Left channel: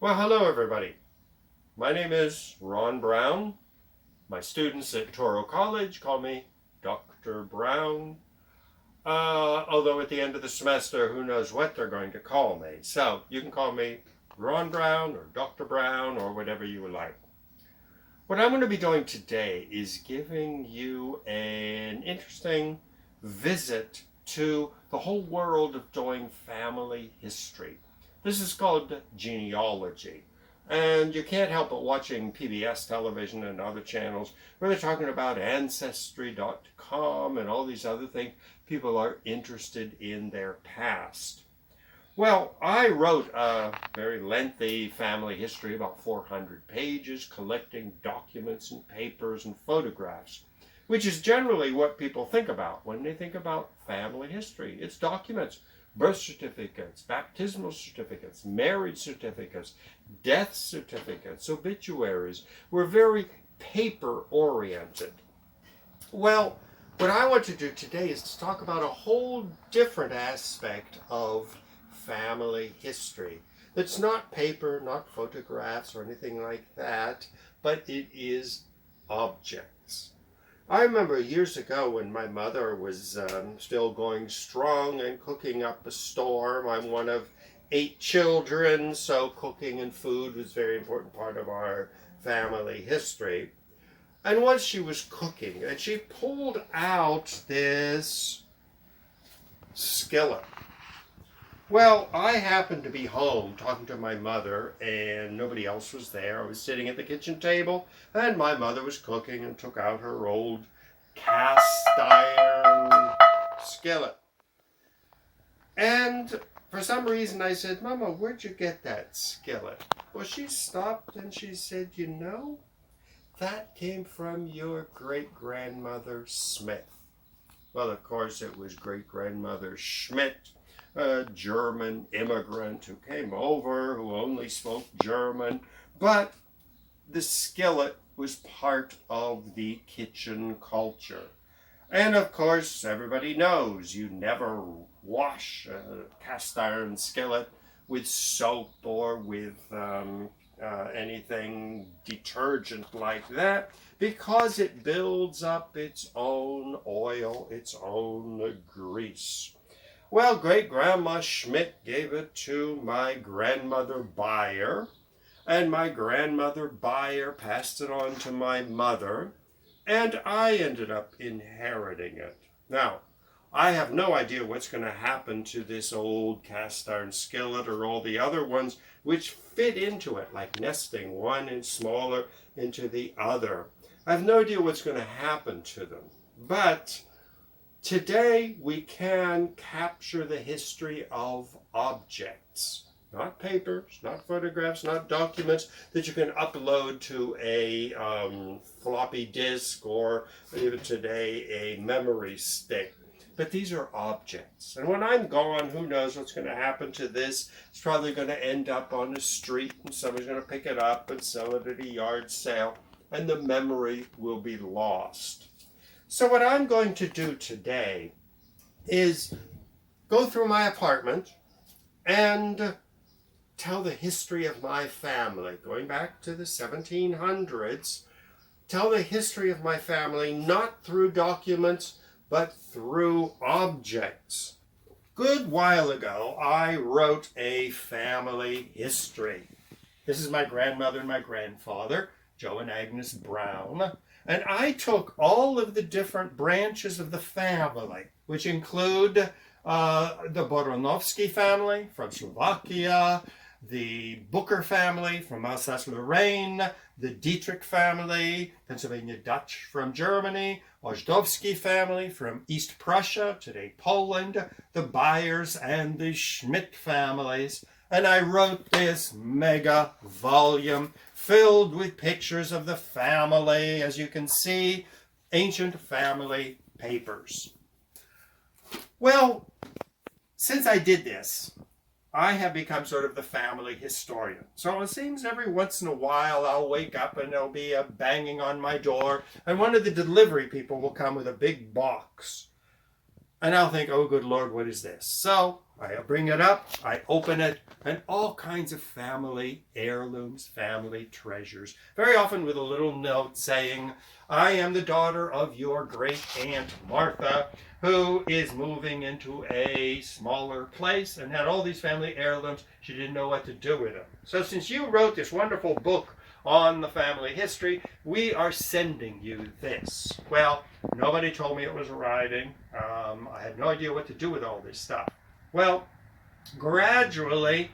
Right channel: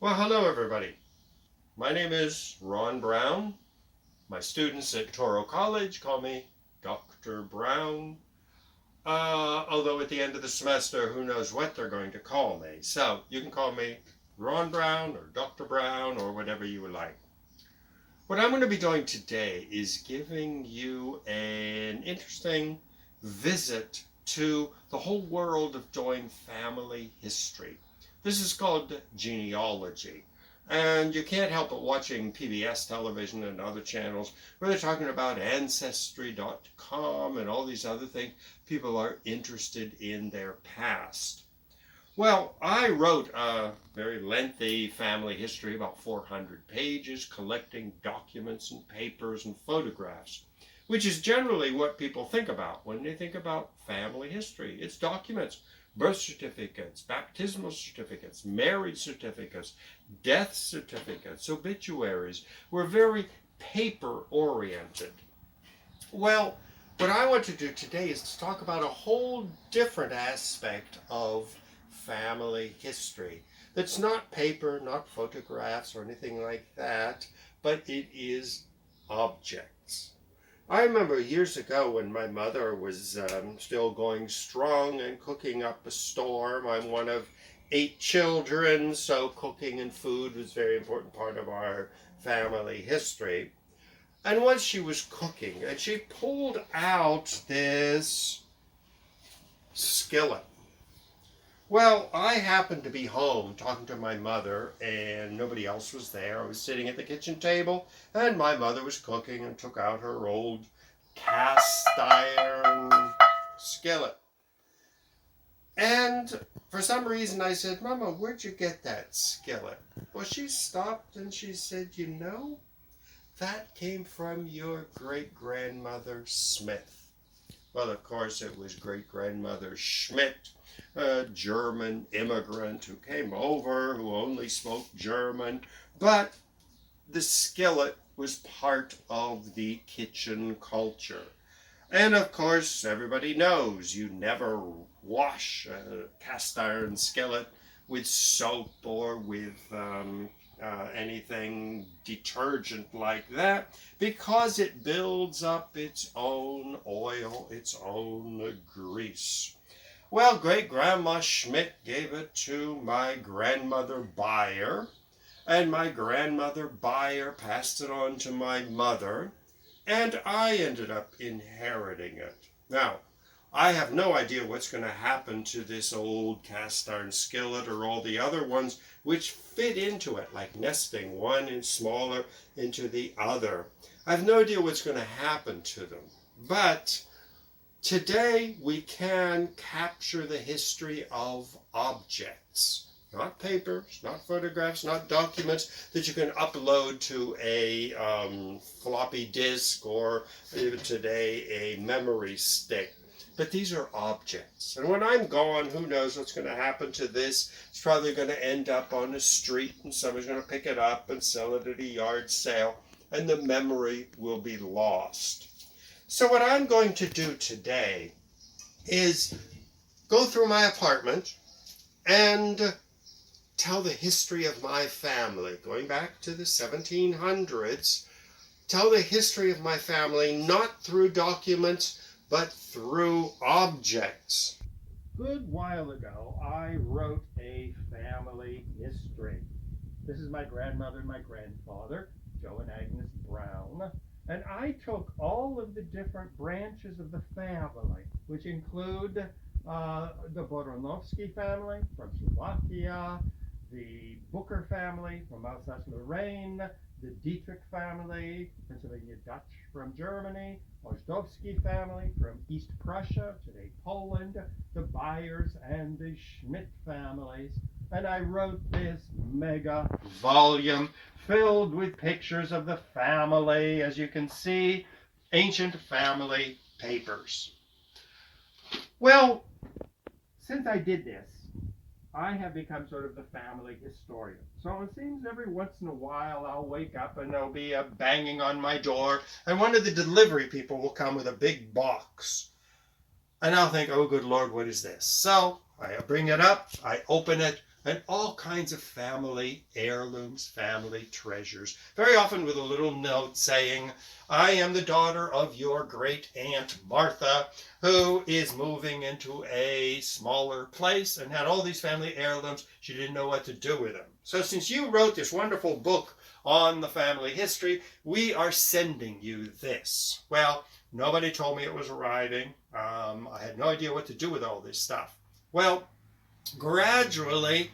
Well, hello everybody. My name is Ron Brown. My students at Toro College call me Dr. Brown. Although at the end of the semester, who knows what they're going to call me. So you can call me Ron Brown or Dr. Brown or whatever you would like. What I'm going to be doing today is giving you an interesting visit to the whole world of doing family history. This is called genealogy. And you can't help but watching PBS television and other channels where they're talking about Ancestry.com and all these other things. People are interested in their past. Well, I wrote a very lengthy family history, about 400 pages, collecting documents and papers and photographs, which is generally what people think about when they think about family history. It's documents, birth certificates, baptismal certificates, marriage certificates, death certificates, obituaries. We're very paper-oriented. Well, what I want to do today is to talk about a whole different aspect of family history. That's not paper, not photographs or anything like that, but it is objects. I remember years ago when my mother was still going strong and cooking up a storm. I'm one of 8 children, so cooking and food was a very important part of our family history. And once she was cooking, and she pulled out this skillet. Well, I happened to be home talking to my mother, and nobody else was there. I was sitting at the kitchen table, and my mother was cooking and took out her old cast iron skillet. And for some reason I said, "Mama, where'd you get that skillet?" Well, she stopped and she said, "You know, that came from your great-grandmother Smith." Well, of course, it was great-grandmother Schmidt, a German immigrant who came over, who only spoke German, but the skillet was part of the kitchen culture. And of course, everybody knows you never wash a cast iron skillet with soap or with anything detergent like that, because it builds up its own oil, its own grease. Well, great-grandma Schmidt gave it to my grandmother Bayer, and my grandmother Bayer passed it on to my mother, and I ended up inheriting it. Now, I have no idea what's going to happen to this old cast iron skillet or all the other ones which fit into it, like nesting one and smaller into the other. I have no idea what's going to happen to them, but today we can capture the history of objects, not papers, not photographs, not documents that you can upload to a floppy disk or even today a memory stick. But these are objects. And when I'm gone, who knows what's going to happen to this? It's probably going to end up on the street and somebody's going to pick it up and sell it at a yard sale, and the memory will be lost. So what I'm going to do today is go through my apartment and tell the history of my family, going back to the 1700s, tell the history of my family not through documents, but through objects. Good while ago, I wrote a family history. This is my grandmother and my grandfather, Joe and Agnes Brown. And I took all of the different branches of the family, which include the Bernowski family from Slovakia, the Booker family from Alsace-Lorraine, the Dietrich family, Pennsylvania Dutch from Germany, Ojdowski family from East Prussia, today Poland, the Byers and the Schmidt families. And I wrote this mega volume filled with pictures of the family, as you can see, ancient family papers. Well, since I did this, I have become sort of the family historian. So it seems every once in a while I'll wake up and there'll be a banging on my door, and one of the delivery people will come with a big box. And I'll think, oh, good Lord, what is this? So I bring it up, I open it, and all kinds of family heirlooms, family treasures, very often with a little note saying, I am the daughter of your great Aunt Martha, who is moving into a smaller place and had all these family heirlooms. She didn't know what to do with them. So since you wrote this wonderful book on the family history, we are sending you this. Well, nobody told me it was arriving. I had no idea what to do with all this stuff. Well, gradually,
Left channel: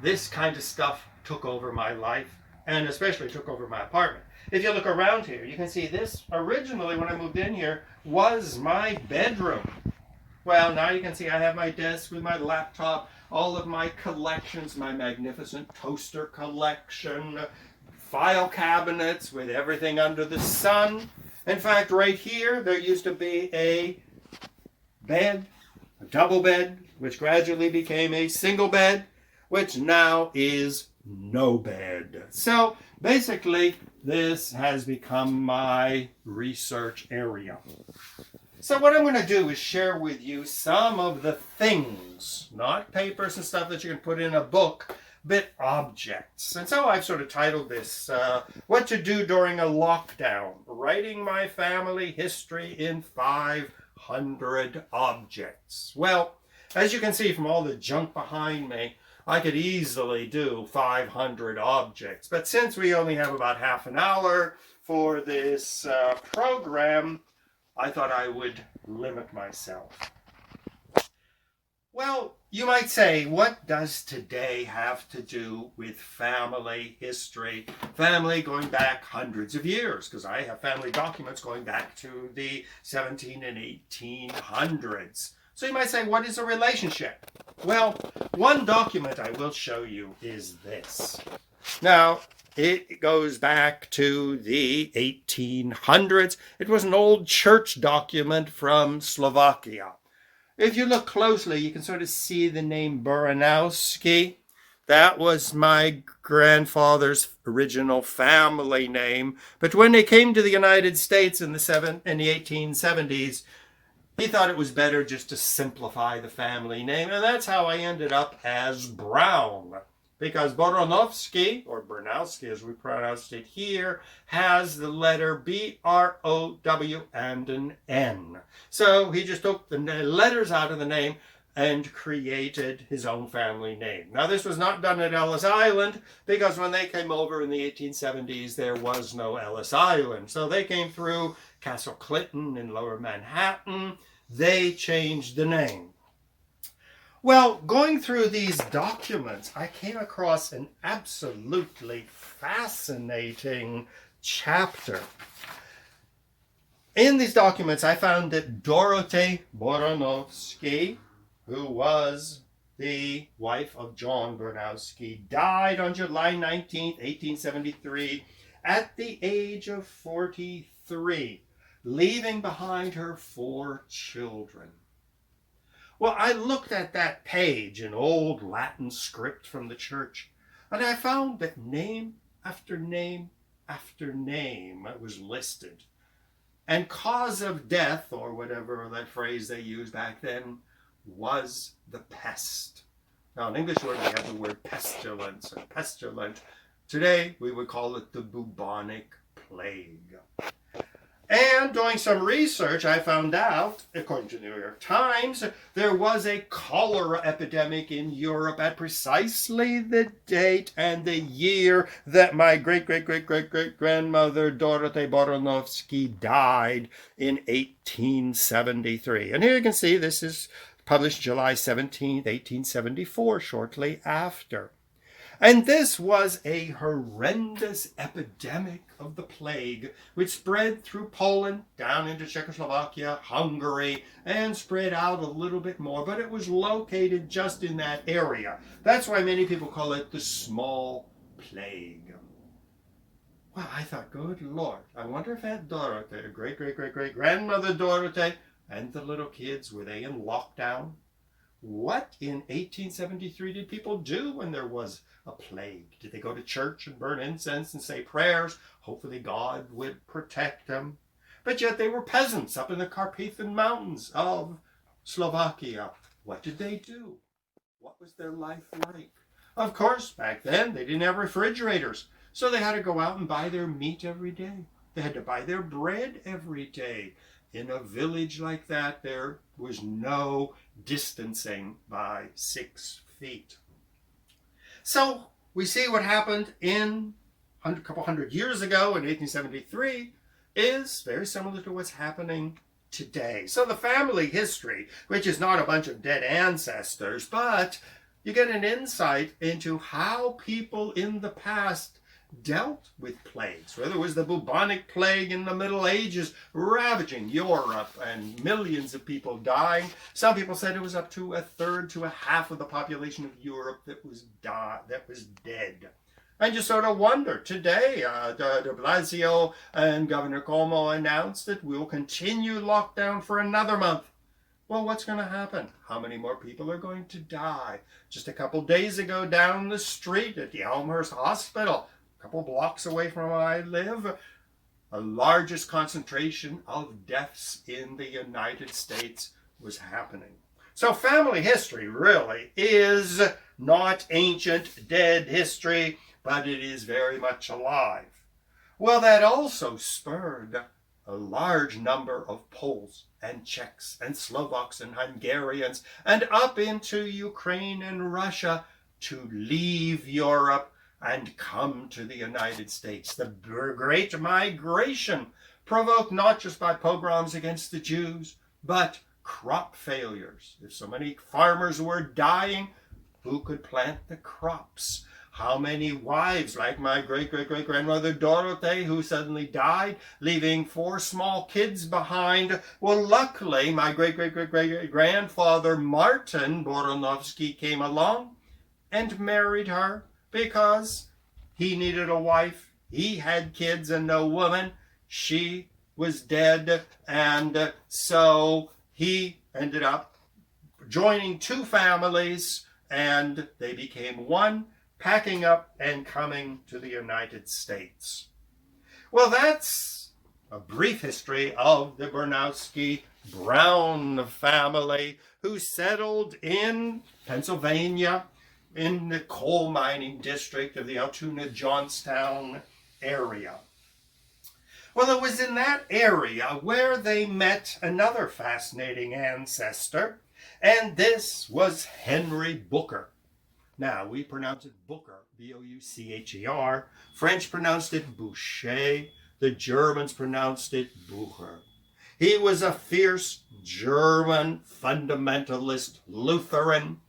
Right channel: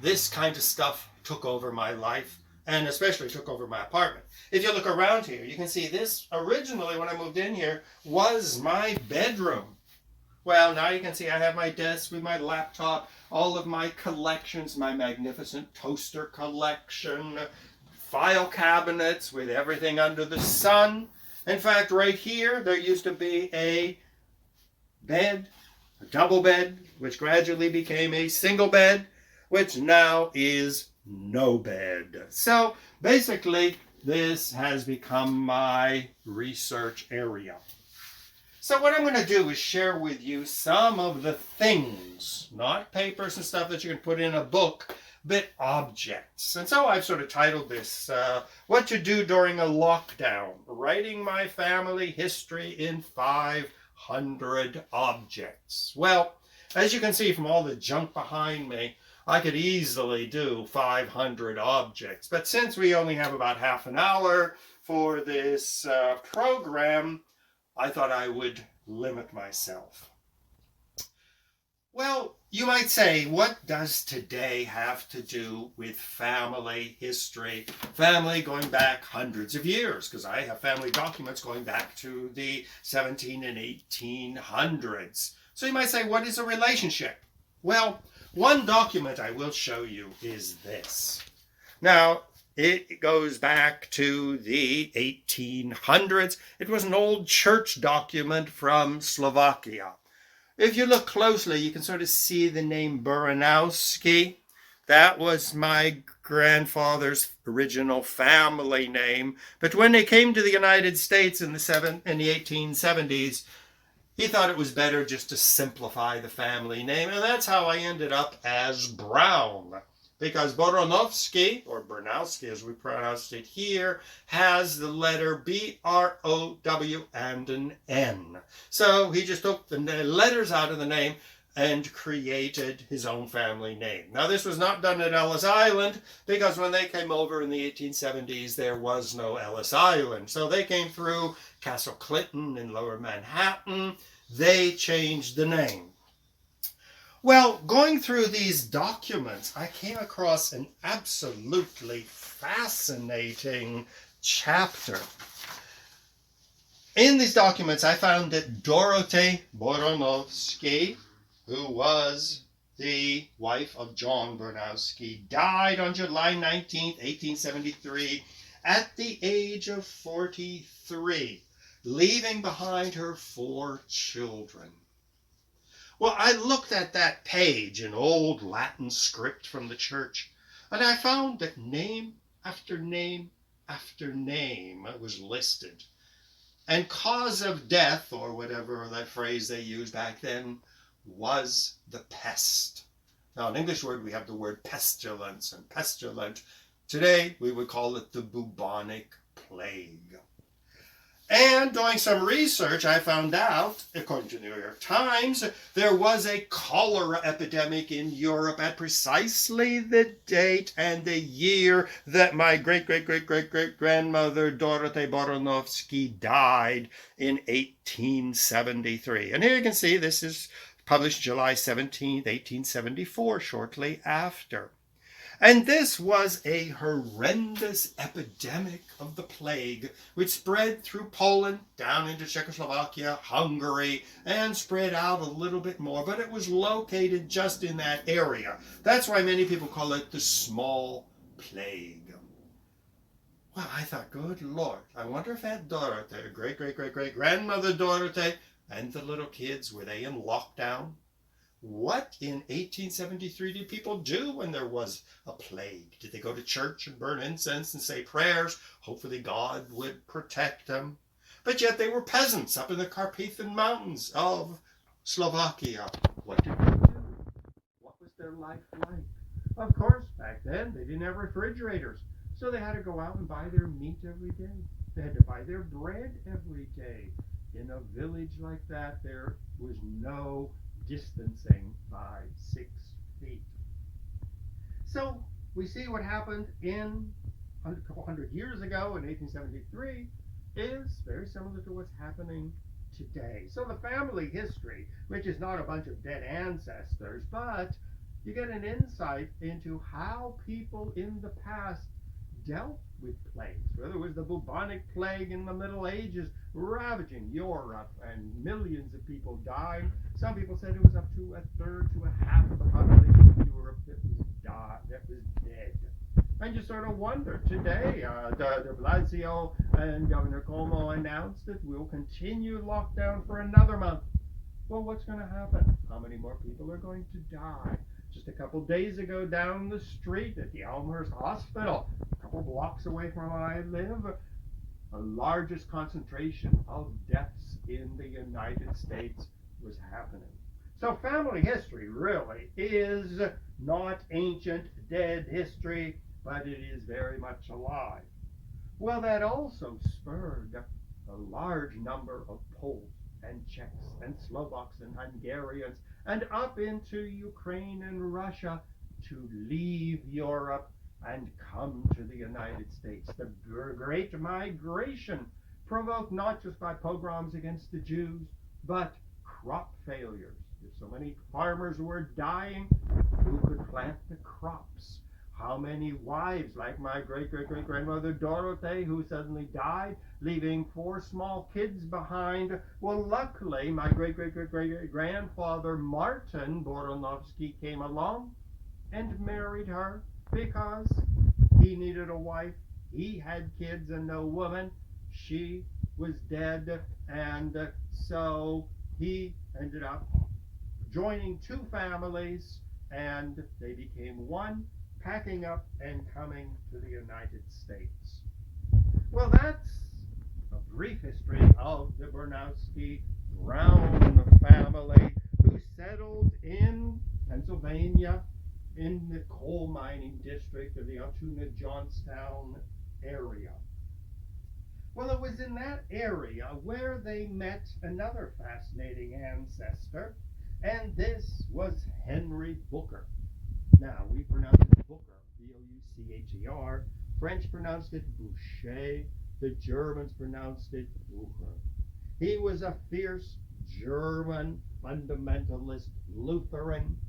this kind of stuff took over my life, and especially took over my apartment. If you look around here, you can see this originally, when I moved in here, was my bedroom. Well, now you can see I have my desk with my laptop, all of my collections, my magnificent toaster collection, file cabinets with everything under the sun. In fact, right here, there used to be a bed, a double bed, which gradually became a single bed, which now is no bed. So basically, this has become my research area. So what I'm going to do is share with you some of the things, not papers and stuff that you can put in a book, but objects. And so I've sort of titled this, What to Do During a Lockdown, Writing My Family History in 500 Objects. Well, as you can see from all the junk behind me, I could easily do 500 objects. But since we only have about half an hour for this program, I thought I would limit myself. Well, you might say, what does today have to do with family history? Family going back hundreds of years, because I have family documents going back to the 17 and 1800s. So you might say, what is a relationship? Well, one document I will show you is this. Now, it goes back to the 1800s. It was an old church document from Slovakia. If you look closely, you can sort of see the name Bernowski. That was my grandfather's original family name. But when they came to the United States in the 1870s, he thought it was better just to simplify the family name. And that's how I ended up as Brown. Because Boromowski, or Bernowski as we pronounced it here, has the letter B-R-O-W and an N. So he just took the letters out of the name and created his own family name. Now this was not done at Ellis Island, because when they came over in the 1870s, there was no Ellis Island. So they came through Castle Clinton in Lower Manhattan. They changed the name. Well, going through these documents, I came across an absolutely fascinating chapter. In these documents, I found that Dorothea Boromowski, who was the wife of John Bernowski, died on July 19th, 1873, at the age of 43, leaving behind her 4 children. Well, I looked at that page in old Latin script from the church, and I found that name after name after name was listed. And cause of death, or whatever that phrase they used back then, was the pest. Now, in English word, we have the word pestilence and pestilent. Today, we would call it the bubonic plague. And doing some research, I found out, according to the New York Times, there was a cholera epidemic in Europe at precisely the date and the year that my great-great-great-great-great-grandmother Dorothea Boromowski died in 1873. And here you can see this is published July 17, 1874, shortly after. And this was a horrendous epidemic of the plague, which spread through Poland, down into Czechoslovakia, Hungary, and spread out a little bit more. But it was located just in that area. That's why many people call it the small plague. Well, I thought, good Lord, I wonder if Aunt Dorothea, great-great-great-great-grandmother Dorothea, and the little kids, were they in lockdown? What in 1873 did people do when there was a plague? Did they go to church and burn incense and say prayers? Hopefully God would protect them. But yet they were peasants up in the Carpathian Mountains of Slovakia. What did they do? What was their life like? Of course, back then they didn't have refrigerators, so they had to go out and buy their meat every day. They had to buy their bread every day. In a village like that, there was no distancing by 6 feet. So we see what happened a couple hundred years ago in 1873 is very similar to what's happening today. So the family history, which is not a bunch of dead ancestors, but you get an insight into how people in the past dealt with plagues, whether it was the bubonic plague in the Middle Ages ravaging Europe and millions of people dying. Some people said it was up to a third to a half of the population of Europe that was dead. And you sort of wonder, today, de Blasio and Governor Cuomo announced that we'll continue lockdown for another month. Well, what's going to happen? How many more people are going to die? Just a couple days ago, down the street at the Elmhurst Hospital, a couple blocks away from where I live, the largest concentration of deaths in the United States was happening. So family history really is not ancient, dead history, but it is very much alive. Well, that also spurred a large number of Poles and Czechs and Slovaks and Hungarians and up into Ukraine and Russia to leave Europe and come to the United States. The Great Migration, provoked not just by pogroms against the Jews, but crop failures. If so many farmers were dying, who could plant the crops? How many wives, like my great-great-great-grandmother Dorothea, who suddenly died, leaving 4 small kids behind? Well, luckily, my great-great-great-grandfather Martin Bernowski came along and married her because he needed a wife. He had kids and no woman. She was dead, and so he ended up joining 2 families, and they became one, packing up and coming to the United States. Well, that's a brief history of the Bernowski Brown family, who settled in Pennsylvania in the coal mining district of the Altoona Johnstown area. Well, it was in that area where they met another fascinating ancestor, and this was Henry Booker. Now, we pronounce it Booker, B-O-U-C-H-E-R. French pronounced it Boucher. The Germans pronounced it Bucher. He was a fierce German fundamentalist Lutheran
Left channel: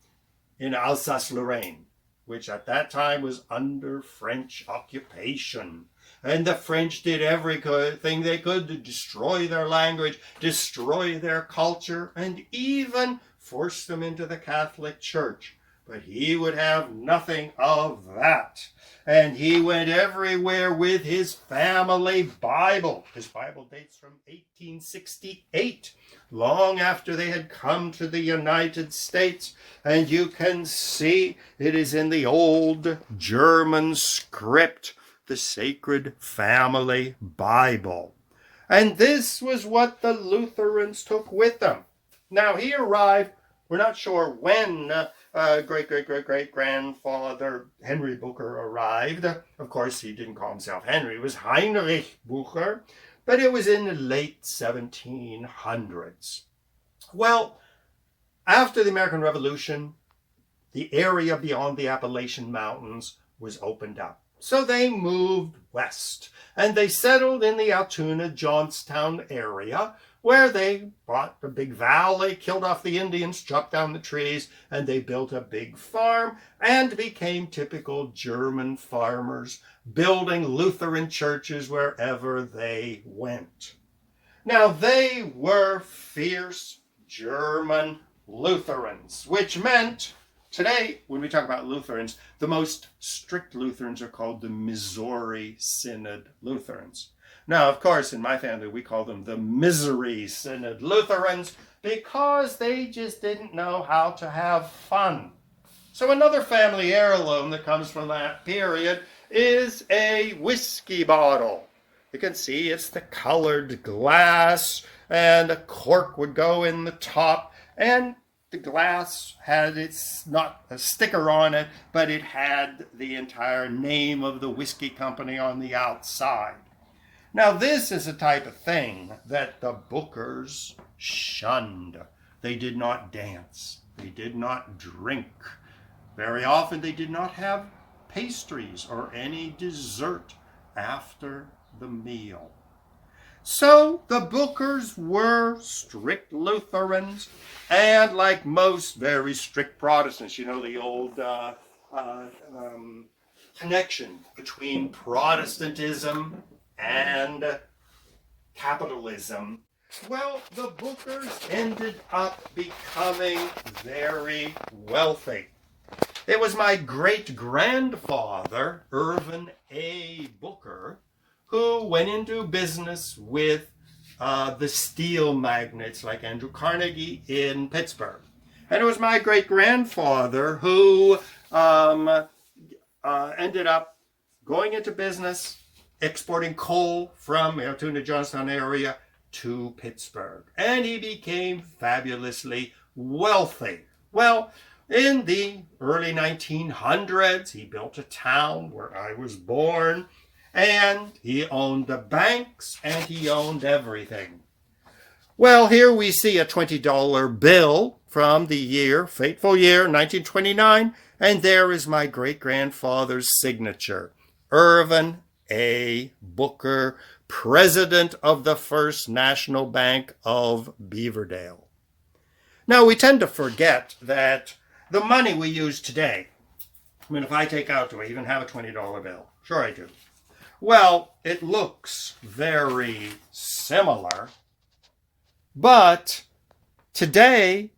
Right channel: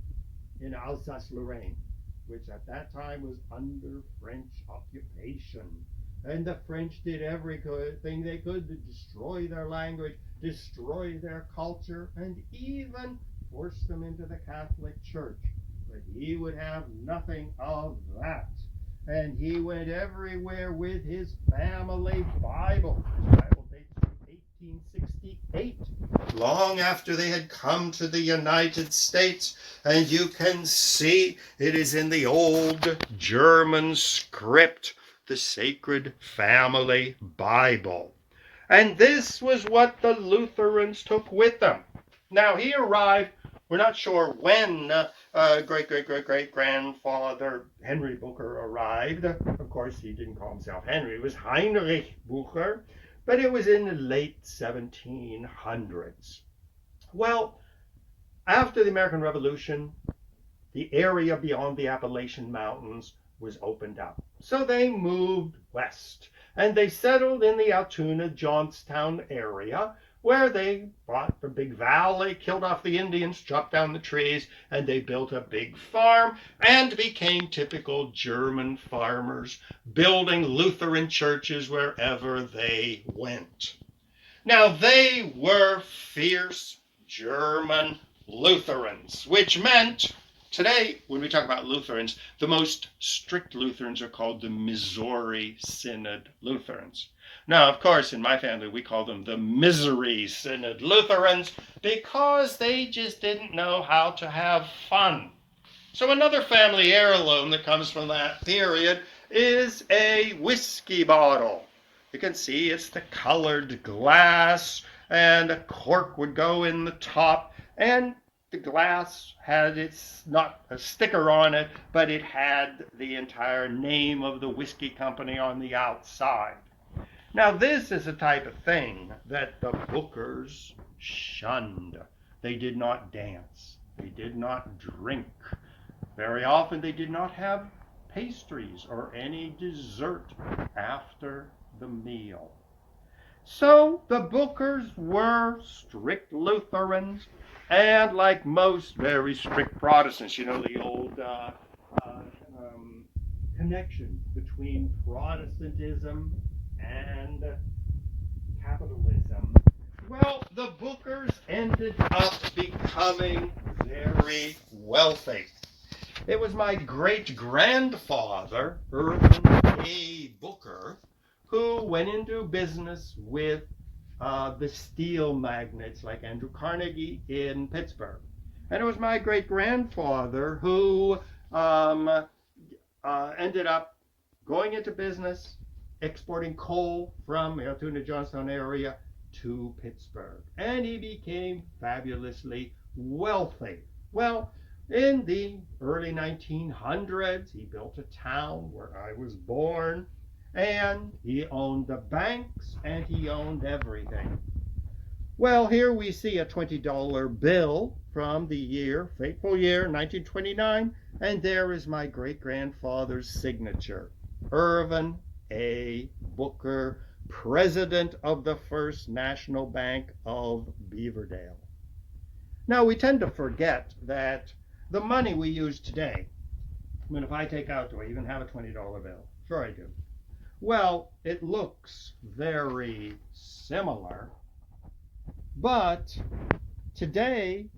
in Alsace-Lorraine, which at that time was under French occupation. And the French did everything they could to destroy their language, destroy their culture, and even force them into the Catholic Church. But he would have nothing of that. And he went everywhere with his family Bible. His Bible dates from 1868, long after they had come to the United States. And you can see it is in the old German script, the Sacred Family Bible. And this was what the Lutherans took with them. Now, he arrived, we're not sure when great-great-great-great-grandfather Henry Booker arrived. Of course, he didn't call himself Henry, it was Heinrich Bucher, but it was in the late 1700s. Well, after the American Revolution, the area beyond the Appalachian Mountains was opened up. So they moved west, and they settled in the Altoona Johnstown area, where they bought a big valley, killed off the Indians, chopped down the trees, and they built a big farm and became typical German farmers, building Lutheran churches wherever they went. Now, they were fierce German Lutherans, which meant, today, when we talk about Lutherans, the most strict Lutherans are called the Missouri Synod Lutherans. Now, of course, in my family, we call them the Misery Synod Lutherans because they just didn't know how to have fun. So another family heirloom that comes from that period is a whiskey bottle. You can see it's the colored glass, and a cork would go in the top. And the glass had its, not a sticker on it, but it had the entire name of the whiskey company on the outside. Now, this is a type of thing that the bookers shunned. They did not dance. They did not drink. Very often they did not have pastries or any dessert after the meal. So the bookers were strict Lutherans, and like most very strict Protestants, you know, the old connection between Protestantism and capitalism. Well, the bookers ended up becoming very wealthy. It was my great-grandfather, Irvin A. Booker, who went into business with the steel magnates like Andrew Carnegie in Pittsburgh. And it was my great-grandfather who ended up going into business, exporting coal from Altoona, Johnstown area to Pittsburgh. And he became fabulously wealthy. Well, in the early 1900s, he built a town where I was born, and he owned the banks, and he owned everything. Well, here we see a $20 bill from the year, fateful year, 1929, and there is my great-grandfather's signature, Irvin A. Booker, President of the First National Bank of Beaverdale. Now, we tend to forget that the money we use today, I mean, if I take out, do I even have a $20 bill? Sure I do. Well, it looks very similar, but today,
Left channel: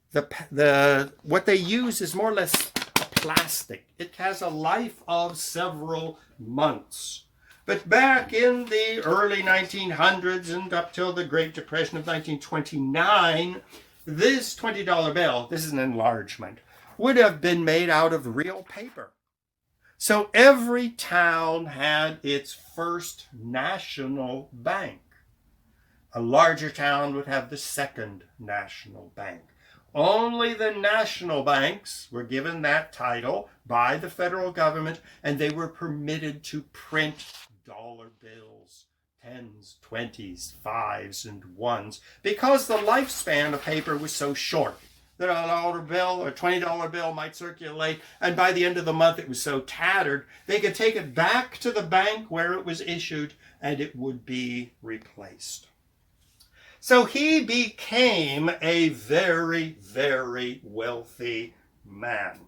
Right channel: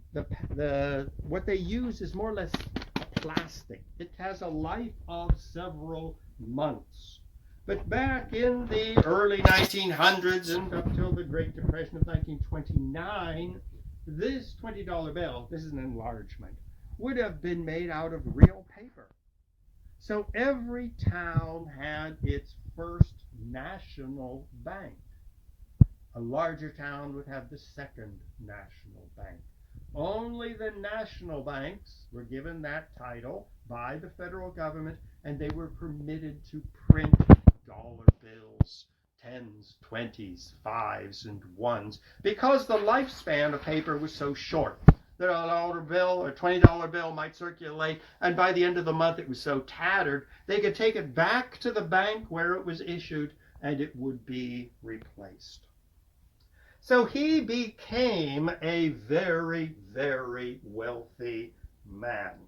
what they use is more or less a plastic. It has a life of several months. But back in the early 1900s and up till the Great Depression of 1929, this $20 bill, this is an enlargement, would have been made out of real paper. So every town had its first national bank. A larger town would have the second national bank. Only the national banks were given that title by the federal government, and they were permitted to print dollar bills, 10s, 20s, 5s, and 1s, because the lifespan of paper was so short that a dollar bill or $20 bill might circulate, and by the end of the month it was so tattered, they could take it back to the bank where it was issued, and it would be replaced. So he became a very, very wealthy man.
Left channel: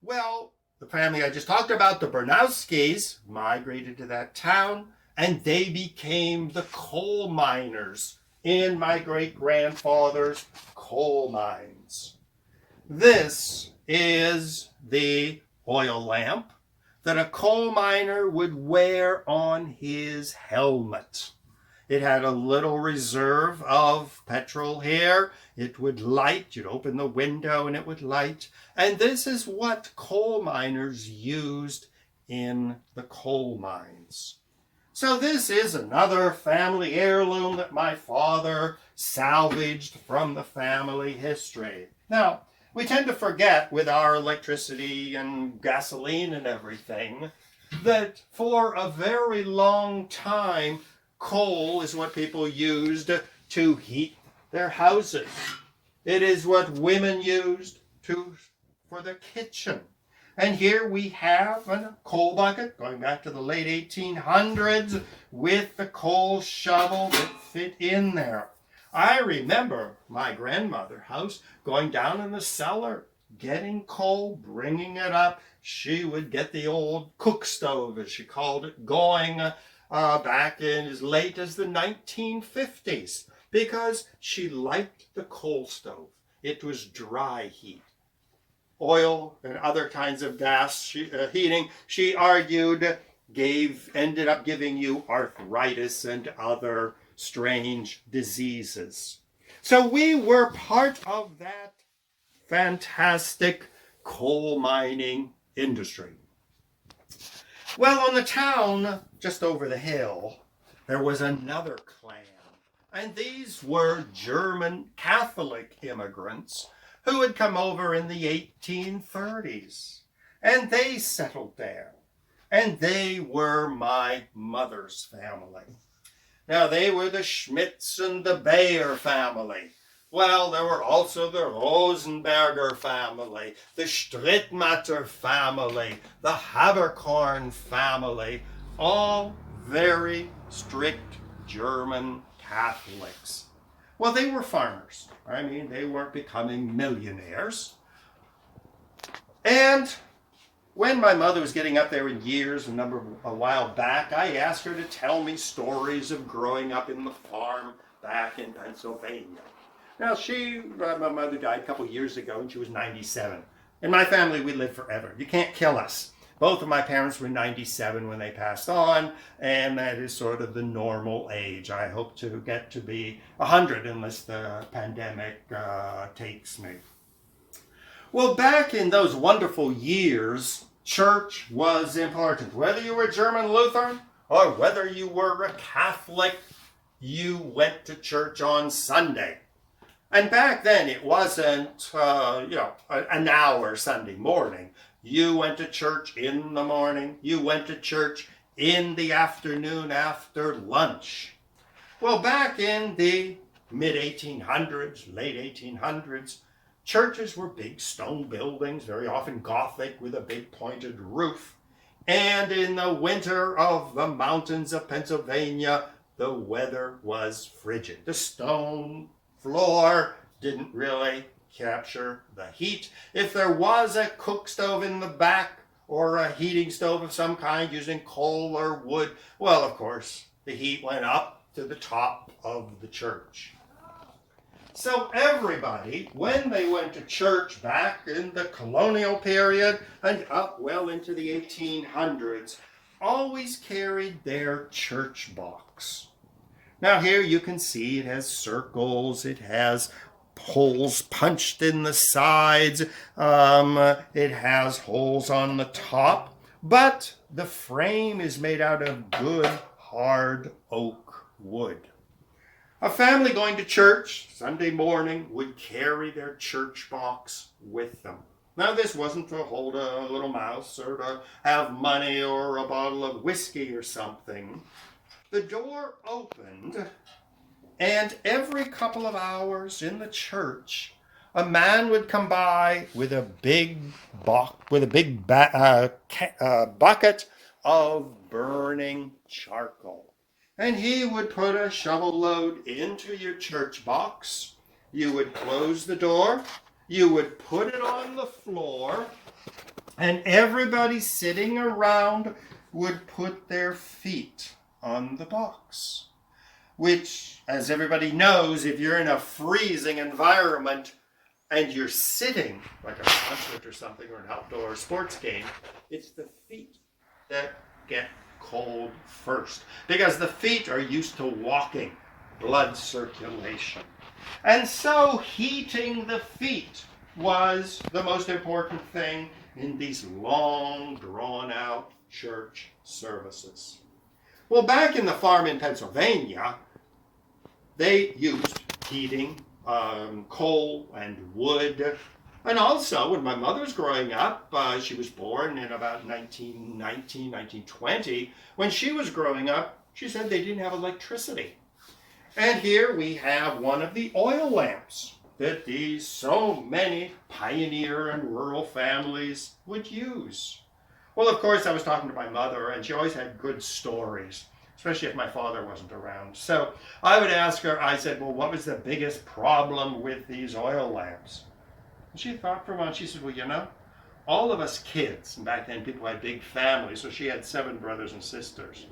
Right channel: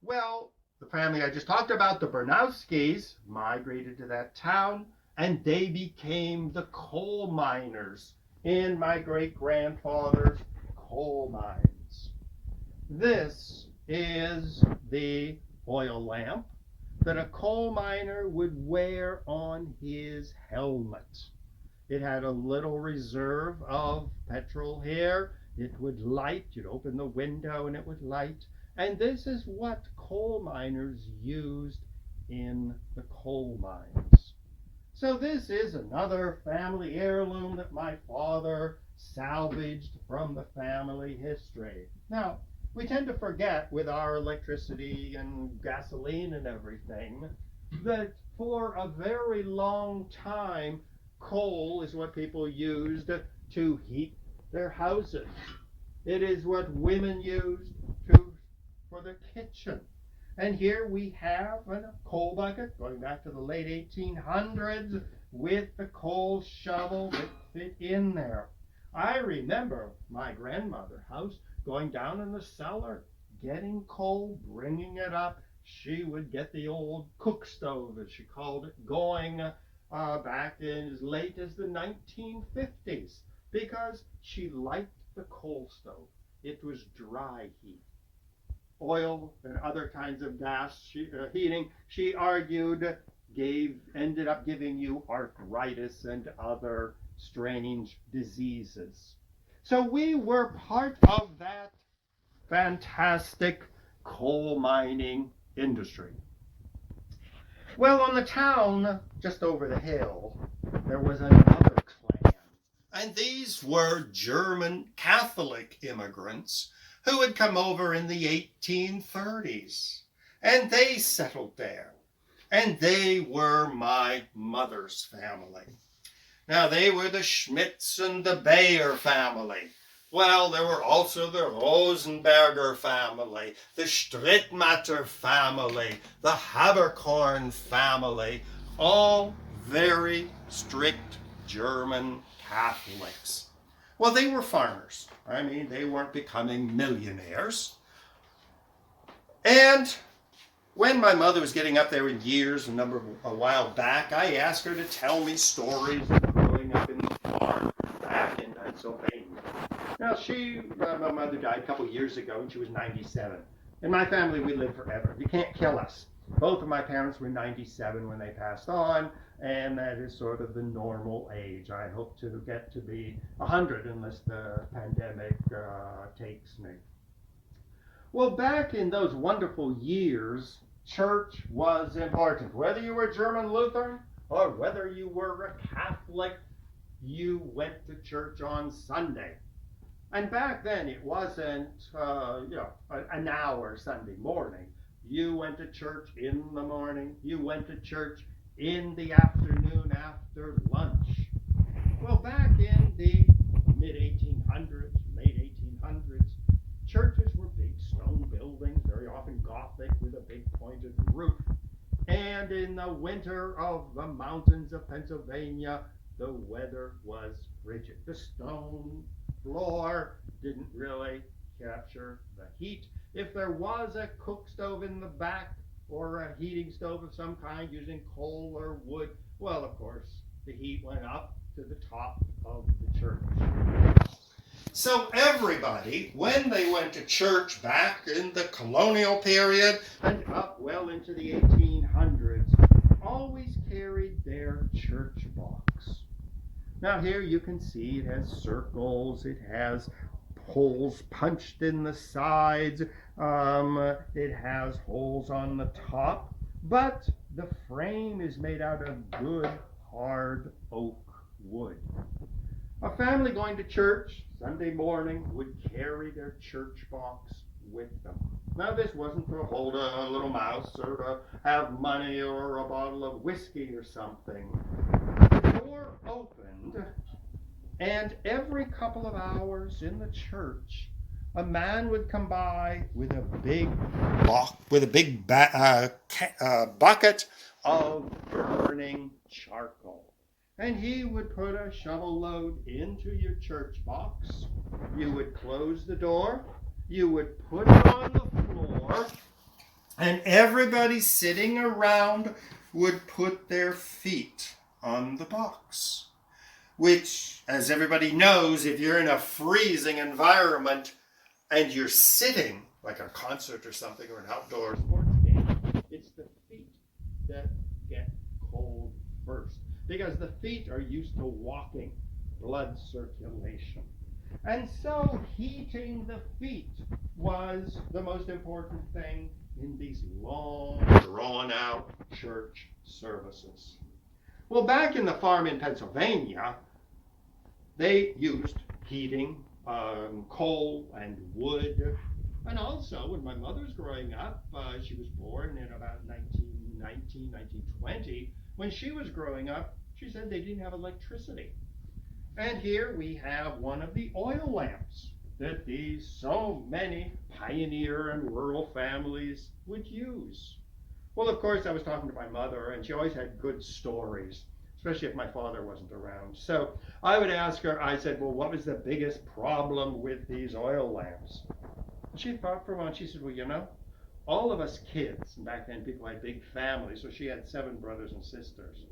Well, the family I just talked about, the Bernowskis, migrated to that town, and they became the coal miners in my great-grandfather's coal mines. This is the oil lamp that a coal miner would wear on his helmet. It had a little reserve of petrol here. It would light. You'd open the window and it would light. And this is what coal miners used in the coal mines. So this is another family heirloom that my father salvaged from the family history. Now, we tend to forget with our electricity and gasoline and everything that for a very long time, coal is what people used to heat their houses. It is what women used for the kitchen. And here we have a coal bucket going back to the late 1800s with the coal shovel that fit in there. I remember my grandmother's house going down in the cellar, getting coal, bringing it up. She would get the old cook stove, as she called it, going back in as late as the 1950s because she liked the coal stove. It was dry heat. Oil and other kinds of gas heating, she argued, ended up giving you arthritis and other strange diseases. So we were part of that fantastic coal mining industry. Well, on the town just over the hill, there was another clan, and these were German Catholic immigrants who had come over in the 1830s. And they settled there. And they were my mother's family. Now, they were the Schmitz and the Bayer family. Well, there were also the Rosenberger family, the Strittmatter family, the Haberkorn family, all very strict German Catholics. Well, they were farmers. I mean, they weren't becoming millionaires. And when my mother was getting up there in years, a while back, I asked her to tell me stories of growing up in the farm back in Pennsylvania. Now, my mother died a couple years ago, and she was 97. In my family, we live forever. You can't kill us. Both of my parents were 97 when they passed on, and that is sort of the normal age. I hope to get to be 100 unless the pandemic takes me. Well, back in those wonderful years, church was important. Whether you were German Lutheran or whether you were a Catholic, you went to church on Sunday. And back then, it wasn't, an hour Sunday morning. You went to church in the morning. You went to church in the afternoon after lunch. Well, back in the mid-1800s, late 1800s, churches were big stone buildings, very often Gothic with a big pointed roof. And in the winter of the mountains of Pennsylvania, the weather was frigid. The stone floor didn't really capture the heat. If there was a cook stove in the back or a heating stove of some kind using coal or wood, well, of course, the heat went up to the top of the church. So everybody, when they went to church back in the colonial period and up well into the 1800s, always carried their church box. Now here you can see it has circles, it has holes punched in the sides, it has holes on the top, but the frame is made out of good hard oak wood. A family going to church Sunday morning would carry their church box with them. Now, this wasn't to hold a little mouse or to have money or a bottle of whiskey or something. The door opened, and every couple of hours in the church, a man would come by with a big bucket of burning charcoal. And he would put a shovel load into your church box. You would close the door. You would put it on the floor. And everybody sitting around would put their feet on the box. Which, as everybody knows, if you're in a freezing environment and you're sitting, like a concert or something, or an outdoor sports game, it's the feet that get cold first, because the feet are used to walking, blood circulation. And so heating the feet was the most important thing in these long, drawn-out church services. Well, back in the farm in Pennsylvania, they used heating, coal and wood. And also, when my mother was growing up, she was born in about 1919, 1920. When she was growing up, she said they didn't have electricity. And here we have one of the oil lamps that these so many pioneer and rural families would use. Well, of course, I was talking to my mother, and she always had good stories, especially if my father wasn't around. So I would ask her, I said, well, what was the biggest problem with these oil lamps? And she thought for a moment. She said, well, all of us kids, and back then people had big families, so she had 7 brothers and sisters.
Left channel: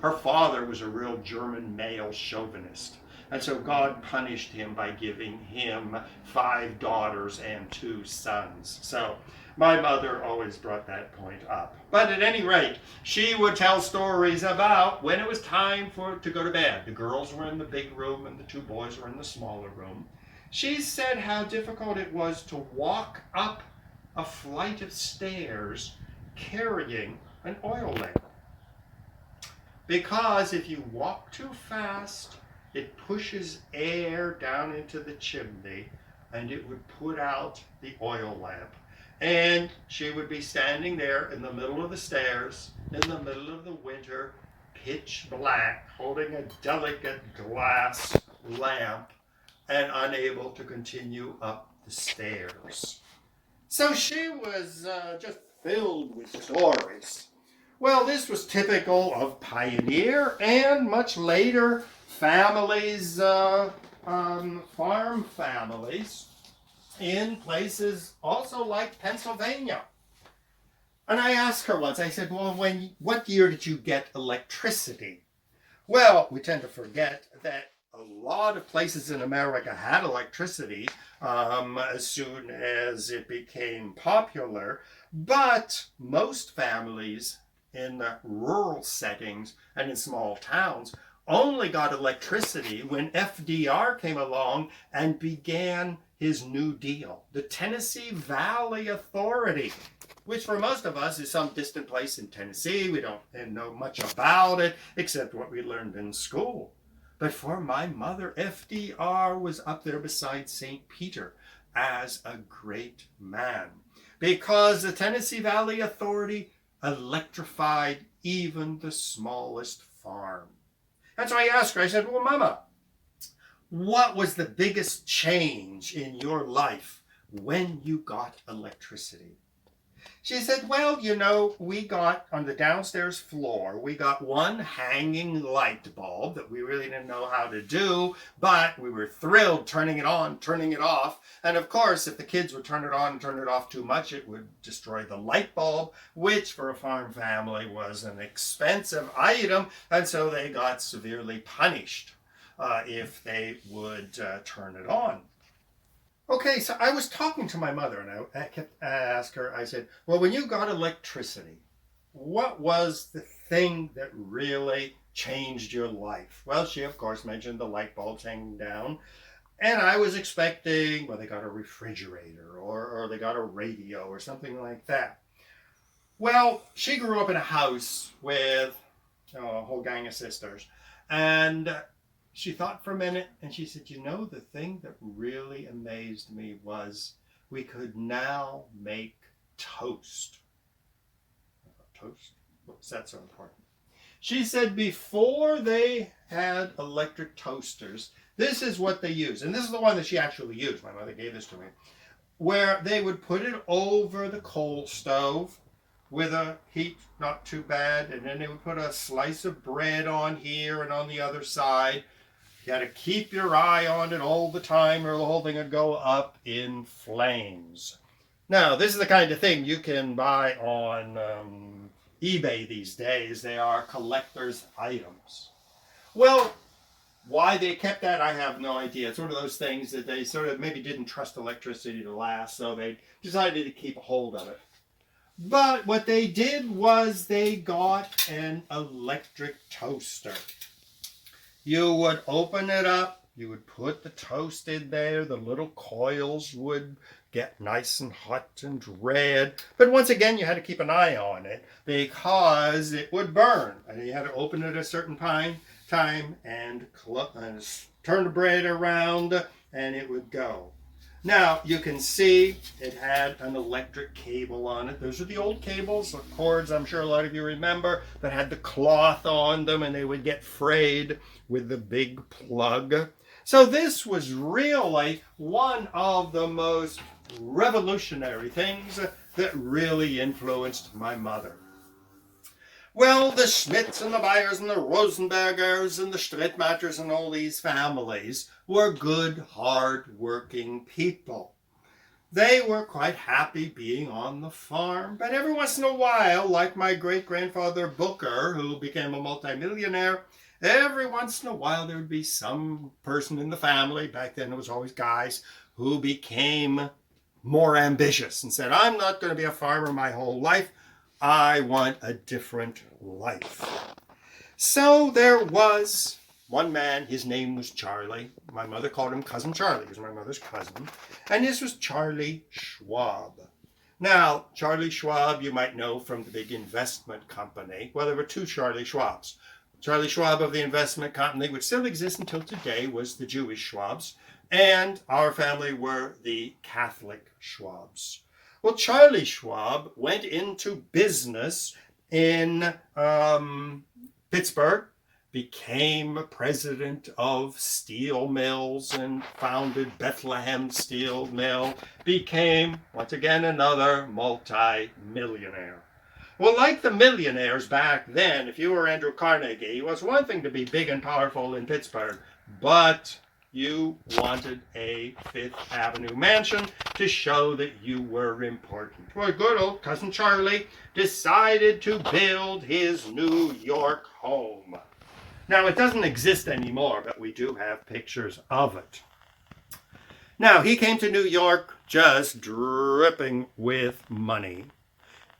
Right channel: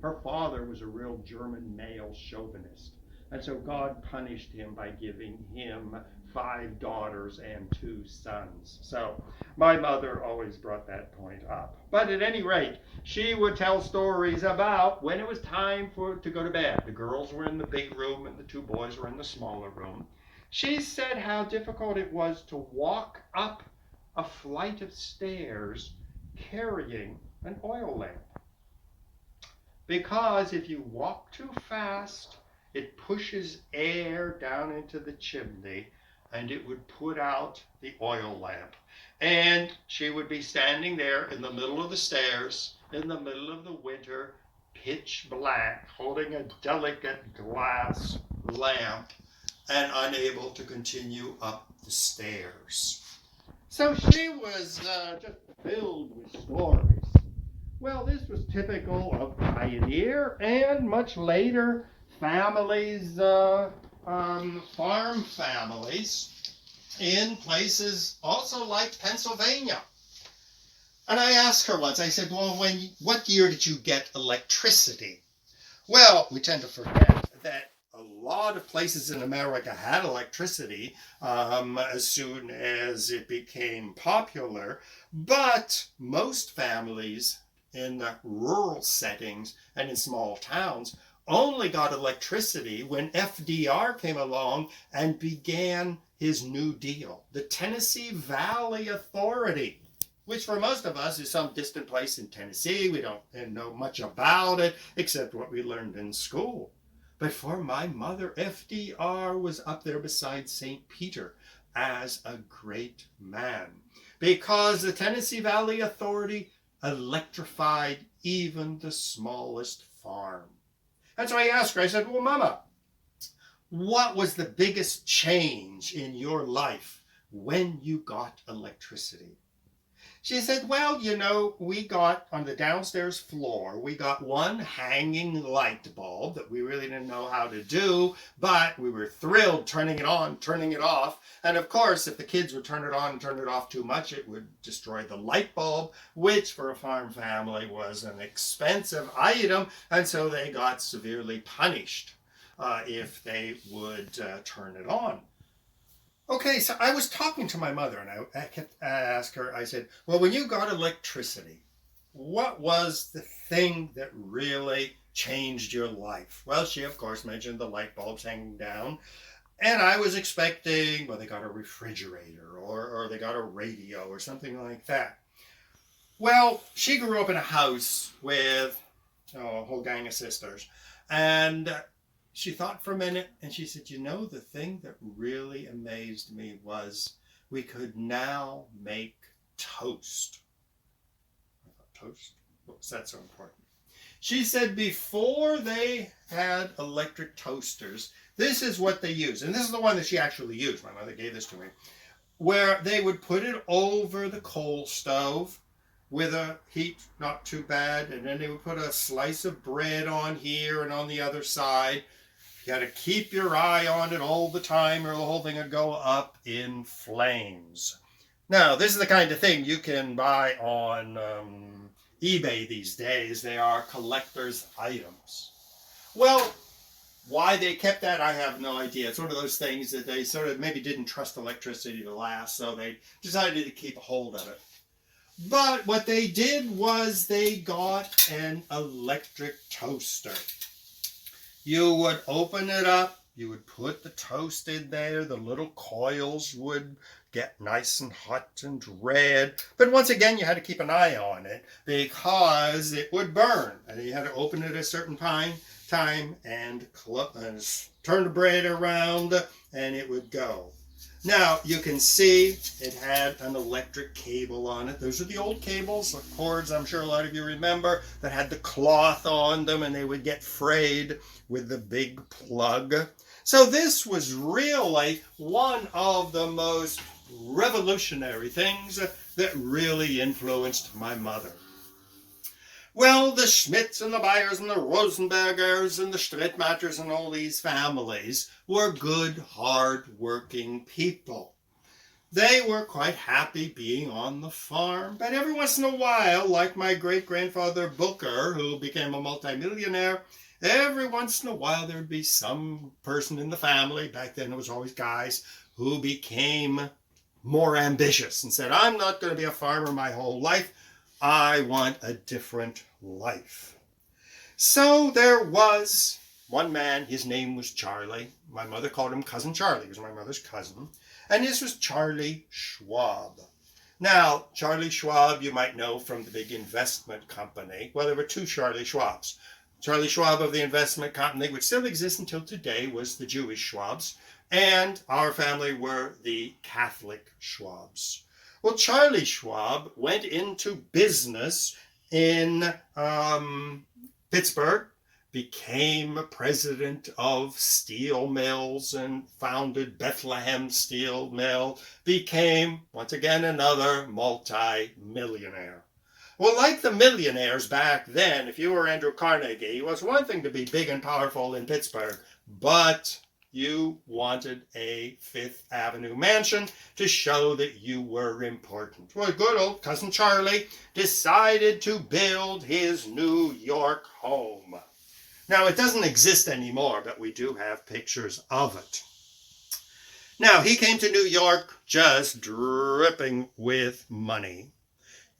Her father was a real German male chauvinist. And so God punished him by giving him 5 daughters and 2 sons. So my mother always brought that point up. But at any rate, she would tell stories about when it was time to go to bed. The girls were in the big room and the 2 boys were in the smaller room. She said how difficult it was to walk up a flight of stairs carrying an oil lamp. Because if you walk too fast, it pushes air down into the chimney, and it would put out the oil lamp. And she would be standing there in the middle of the stairs, in the middle of the winter, pitch black, holding a delicate glass lamp and unable to continue up the stairs. So she was just filled with stories. Well, this was typical of pioneer and much later families, farm families in places also like Pennsylvania. And I asked her once, I said, well, what year did you get electricity? Well, we tend to forget that a lot of places in America had electricity as soon as it became popular, but most families in the rural settings and in small towns only got electricity when FDR came along and began his New Deal, the Tennessee Valley Authority, which for most of us is some distant place in Tennessee. We don't know much about it except what we learned in school. But for my mother, FDR was up there beside St. Peter as a great man, because the Tennessee Valley Authority electrified even the smallest farm. And so I asked her, I said, well, Mama, what was the biggest change in your life when you got electricity? She said, well, you know, we got on the downstairs floor, we got one hanging light bulb that we really didn't know how to do, but we were thrilled turning it on, turning it off. And of course, if the kids would turn it on and turn it off too much, it would destroy the light bulb, which for a farm family was an expensive item. And so they got severely punished if they would turn it on. Okay, so I was talking to my mother, and I kept asking her, I said, well, when you got electricity, what was the thing that really changed your life? Well, she, of course, mentioned the light bulbs hanging down, and I was expecting, well, they got a refrigerator, or they got a radio, or something like that. Well, she grew up in a house with a whole gang of sisters, and she thought for a minute, and she said, you know, the thing that really amazed me was we could now make toast. I thought, toast? What's that so important? She said before they had electric toasters, this is what they used. And this is the one that she actually used. My mother gave this to me. Where they would put it over the coal stove with a heat not too bad, and then they would put a slice of bread on here and on the other side. You had to keep your eye on it all the time or the whole thing would go up in flames. Now, this is the kind of thing you can buy on eBay these days. They are collector's items. Well, why they kept that, I have no idea. It's one of those things that they sort of maybe didn't trust electricity to last, so they decided to keep a hold of it. But what they did was they got an electric toaster. You would open it up, you would put the toast in there, the little coils would get nice and hot and red. But once again, you had to keep an eye on it because it would burn. And you had to open it at a certain time and turn the bread around and it would go. Now, you can see it had an electric cable on it. Those are the old cables, the cords, I'm sure a lot of you remember, that had the cloth on them and they would get frayed with the big plug. So this was really one of the most revolutionary things that really influenced my mother. Well, the Schmidts and the Byers and the Rosenbergers and the Strittmatters and all these families were good, hard-working people. They were quite happy being on the farm, but every once in a while, like my great-grandfather Booker, who became a multimillionaire, every once in a while there would be some person in the family, back then it was always guys, who became more ambitious and said, I'm not going to be a farmer my whole life. I want a different life. So there was one man, his name was Charlie. My mother called him Cousin Charlie. He was my mother's cousin. And this was Charlie Schwab. Now, Charlie Schwab, you might know from the big investment company. Well, there were two Charlie Schwabs. Charlie Schwab of the investment company, which still exists until today, was the Jewish Schwabs. and our family were the Catholic Schwabs. Well, Charlie Schwab went into business in Pittsburgh, became president of steel mills and founded Bethlehem Steel Mill, became, once again, another multi-millionaire. Well, like the millionaires back then, if you were Andrew Carnegie, it was one thing to be big and powerful in Pittsburgh, but you wanted a Fifth Avenue mansion to show that you were important. Well, good old cousin Charlie decided to build his New York home. Now, it doesn't exist anymore, but we do have pictures of it. Now, he came to New York just dripping with money.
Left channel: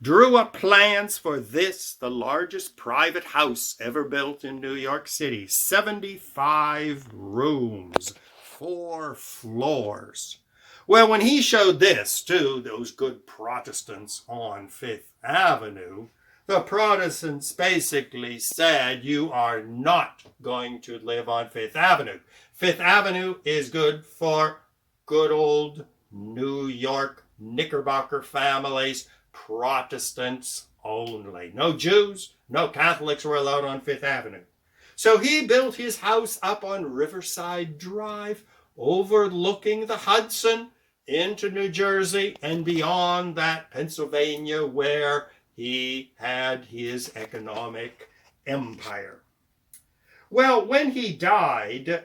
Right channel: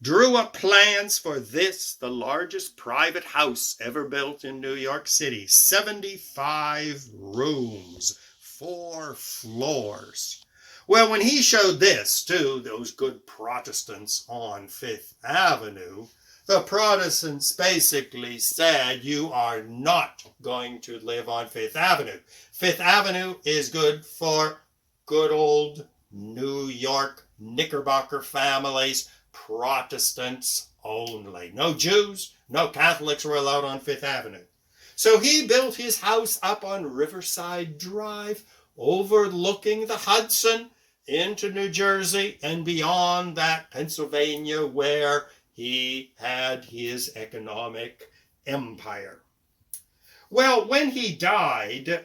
Drew up plans for this, the largest private house ever built in New York City. 75 rooms, 4 floors. Well, when he showed this to those good Protestants on Fifth Avenue, the Protestants basically said, you are not going to live on Fifth Avenue. Fifth Avenue is good for good old New York Knickerbocker families, Protestants only. No Jews, no Catholics were allowed on Fifth Avenue. So he built his house up on Riverside Drive, overlooking the Hudson into New Jersey and beyond that Pennsylvania, where he had his economic empire. Well, when he died,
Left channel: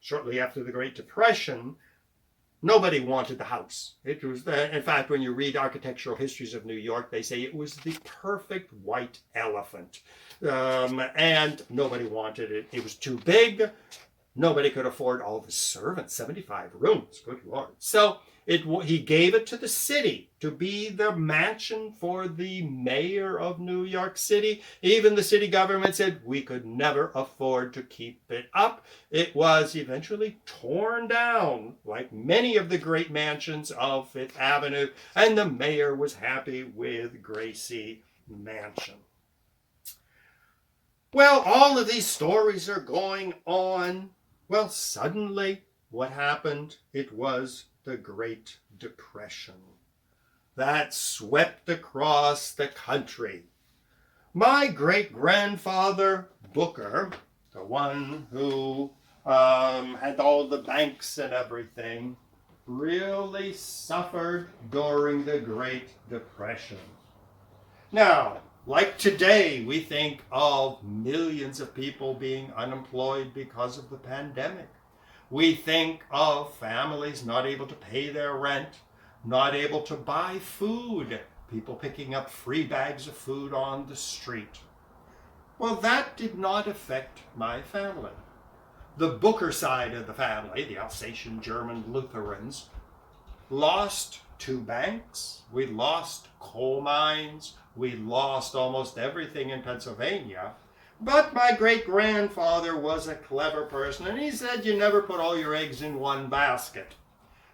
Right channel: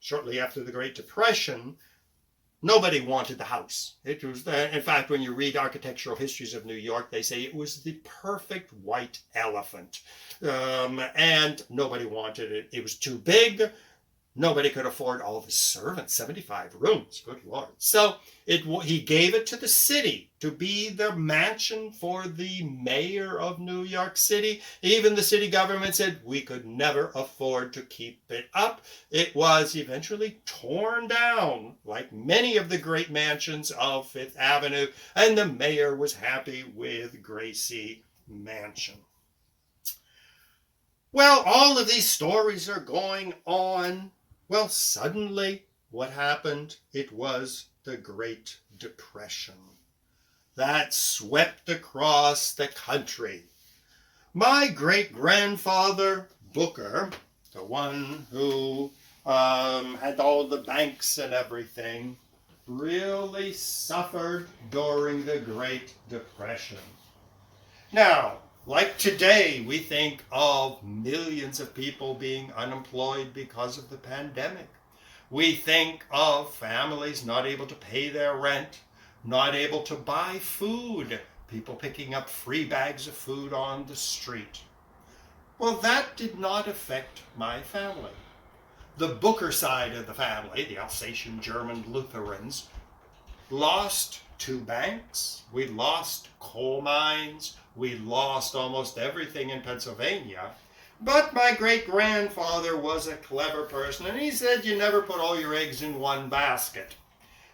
shortly after the Great Depression, nobody wanted the house. It was, in fact, when you read architectural histories of New York, they say it was the perfect white elephant. And nobody wanted it. It was too big. Nobody could afford all the servants, 75 rooms, good Lord. So he gave it to the city to be the mansion for the mayor of New York City. Even the city government said we could never afford to keep it up. It was eventually torn down, like many of the great mansions of Fifth Avenue, and the mayor was happy with Gracie Mansion. Well, all of these stories are going on. Well, suddenly, what happened? It was the Great Depression that swept across the country. My great-grandfather Booker, the one who had all the banks and everything, really suffered during the Great Depression. Now, like today, we think of millions of people being unemployed because of the pandemic. We think of families not able to pay their rent, not able to buy food, people picking up free bags of food on the street. Well, that did not affect my family. The Booker side of the family, the Alsatian German Lutherans, lost 2 banks. We lost coal mines. We lost almost everything in Pennsylvania. But my great-grandfather was a clever person, and he said you never put all your eggs in one basket.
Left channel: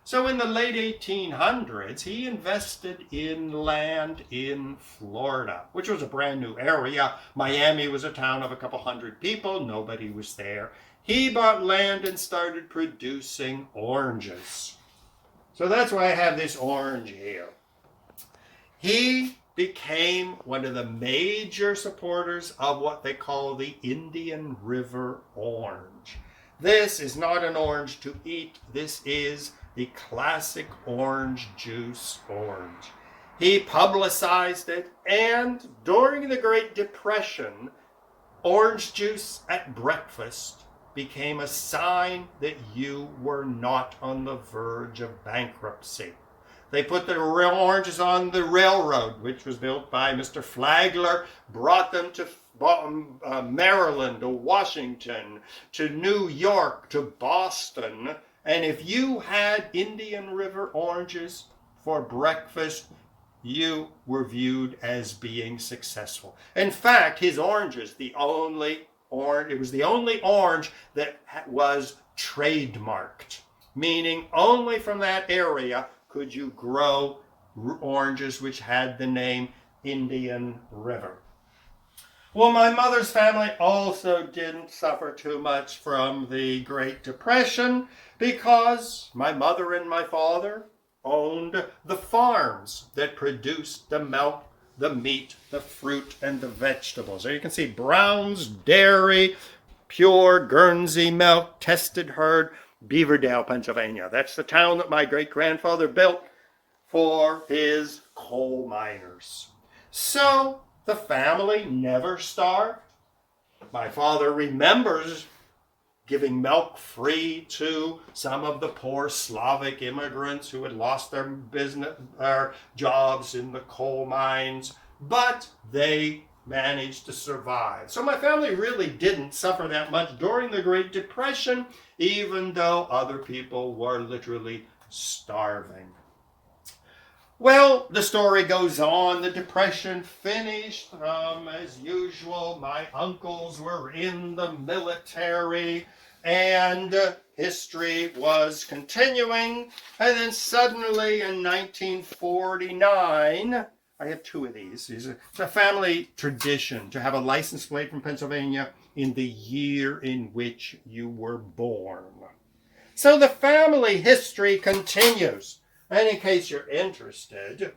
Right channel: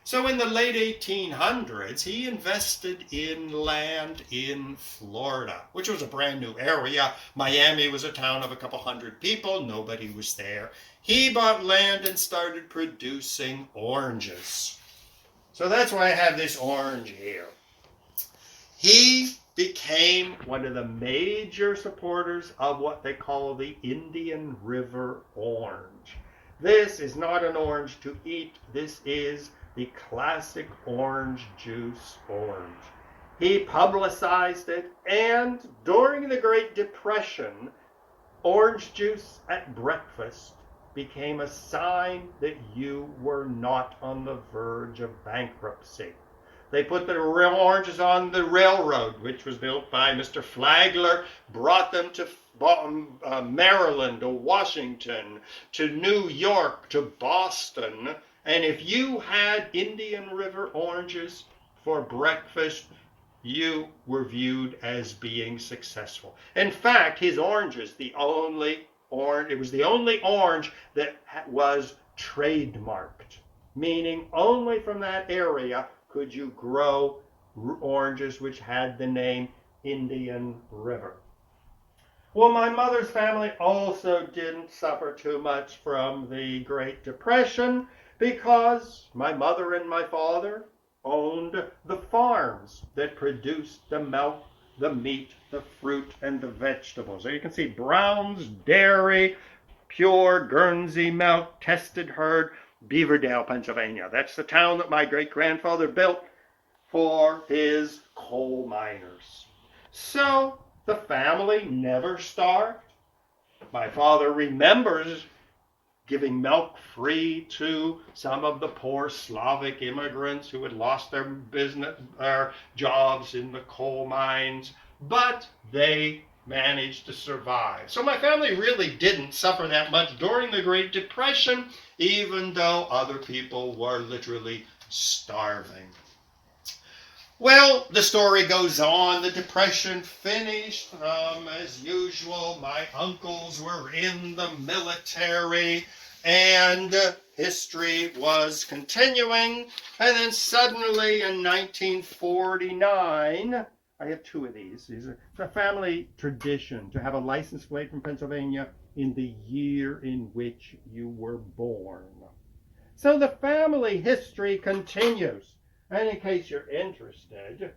So in the late 1800s, he invested in land in Florida, which was a brand new area. Miami was a town of a couple hundred people. Nobody was there. He bought land and started producing oranges. So that's why I have this orange here. He became one of the major supporters of what they call the Indian River orange. This is not an orange to eat. This is the classic orange juice orange. He publicized it, and during the Great Depression, orange juice at breakfast became a sign that you were not on the verge of bankruptcy. They put the real oranges on the railroad, which was built by Mr. Flagler, brought them to Maryland, to Washington, to New York, to Boston. And if you had Indian River oranges for breakfast, you were viewed as being successful. In fact, his oranges, it was the only orange that was trademarked, meaning only from that area could you grow oranges which had the name Indian River. Well, my mother's family also didn't suffer too much from the Great Depression because my mother and my father owned the farms that produced the milk, the meat, the fruit, and the vegetables. There you can see Brown's Dairy, pure Guernsey milk, tested herd, Beaverdale, Pennsylvania. That's the town that my great-grandfather built for his coal miners. So the family never starved. My father remembers giving milk free to some of the poor Slavic immigrants who had lost their business, their jobs in the coal mines, but they managed to survive. So my family really didn't suffer that much during the Great Depression, even though other people were literally starving. Well, the story goes on. The Depression finished. As usual, my uncles were in the military, and history was continuing. And then suddenly in 1949, I have two of these. It's a family tradition to have a license plate from Pennsylvania in the year in which you were born. So the family history continues. And in case you're interested,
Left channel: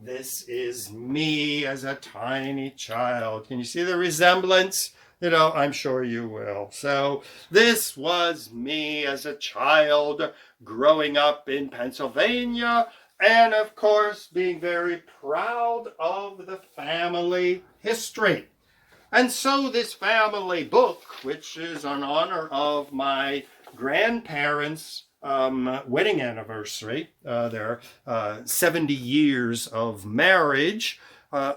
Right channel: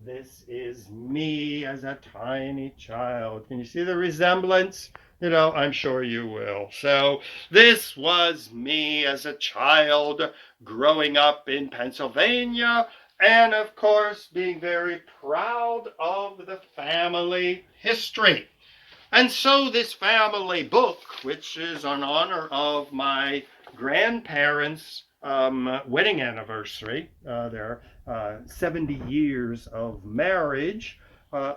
this is me as a tiny child. Can you see the resemblance? You know, I'm sure you will. So this was me as a child growing up in Pennsylvania, and of course being very proud of the family history. And so this family book, which is in honor of my grandparents' wedding anniversary, their 70 years of marriage.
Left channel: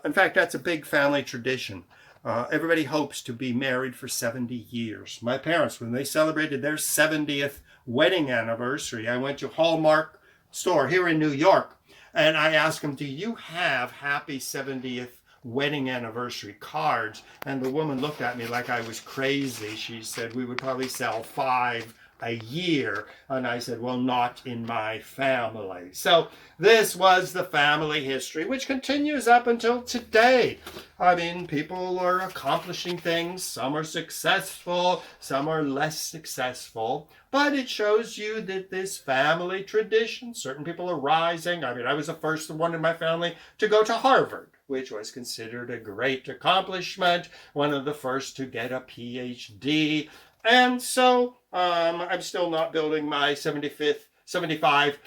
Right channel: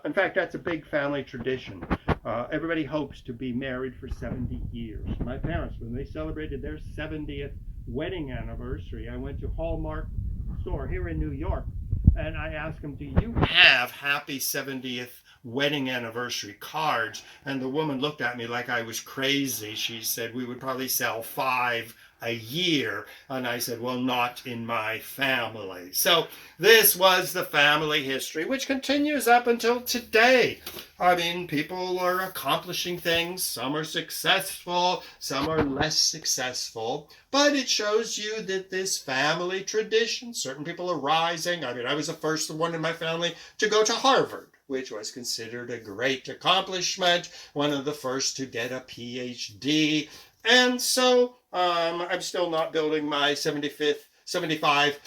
In fact, that's a big family tradition. Everybody hopes to be married for 70 years. My parents, when they celebrated their 70th wedding anniversary, I went to Hallmark store here in New York, and I asked them, do you have happy 70th wedding anniversary cards? And the woman looked at me like I was crazy. She said, we would probably sell 5 a year. And I said, well, not in my family. So this was the family history, which continues up until today. I mean, people are accomplishing things. Some are successful, some are less successful. But it shows you that this family tradition, certain people are rising. I mean, I was the first one in my family to go to Harvard, which was considered a great accomplishment, one of the first to get a PhD. And so I'm still not building my 75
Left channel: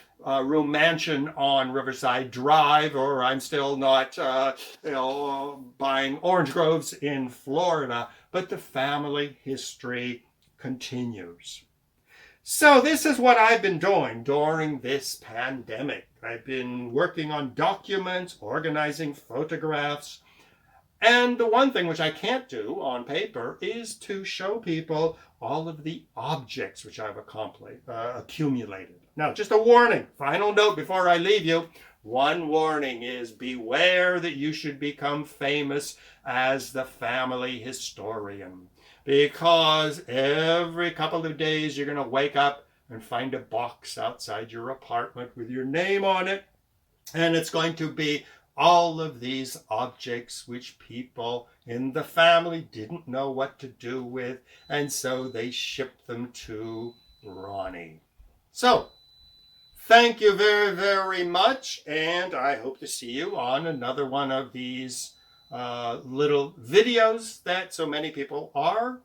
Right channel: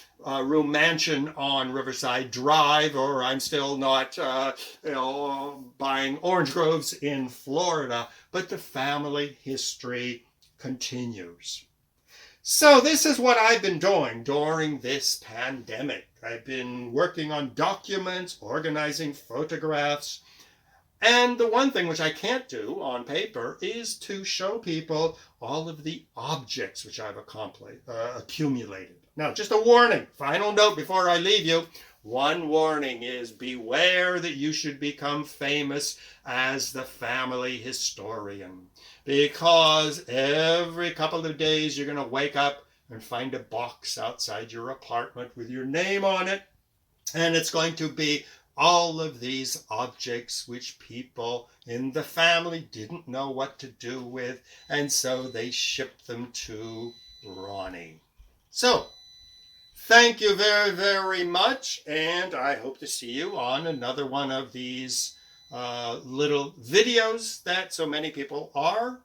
room mansion on Riverside Drive, or I'm still not buying orange groves in Florida, but the family history continues. So this is what I've been doing during this pandemic. I've been working on documents, organizing photographs, and the one thing which I can't do on paper is to show people all of the objects which I've accumulated. Now, just a warning, final note before I leave you. One warning is beware that you should become famous as the family historian, because every couple of days you're going to wake up and find a box outside your apartment with your name on it, and it's going to be all of these objects which people in the family didn't know what to do with, and so they shipped them to Ronnie. So, thank you very, very much, and I hope to see you on another one of these little videos that so many people are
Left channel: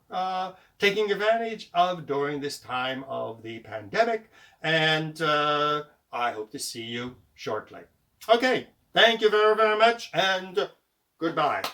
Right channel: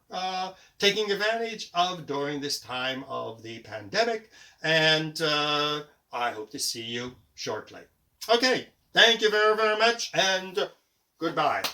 taking advantage of during this time of the pandemic, and I hope to see you shortly. Okay. Thank you very, very much, and goodbye.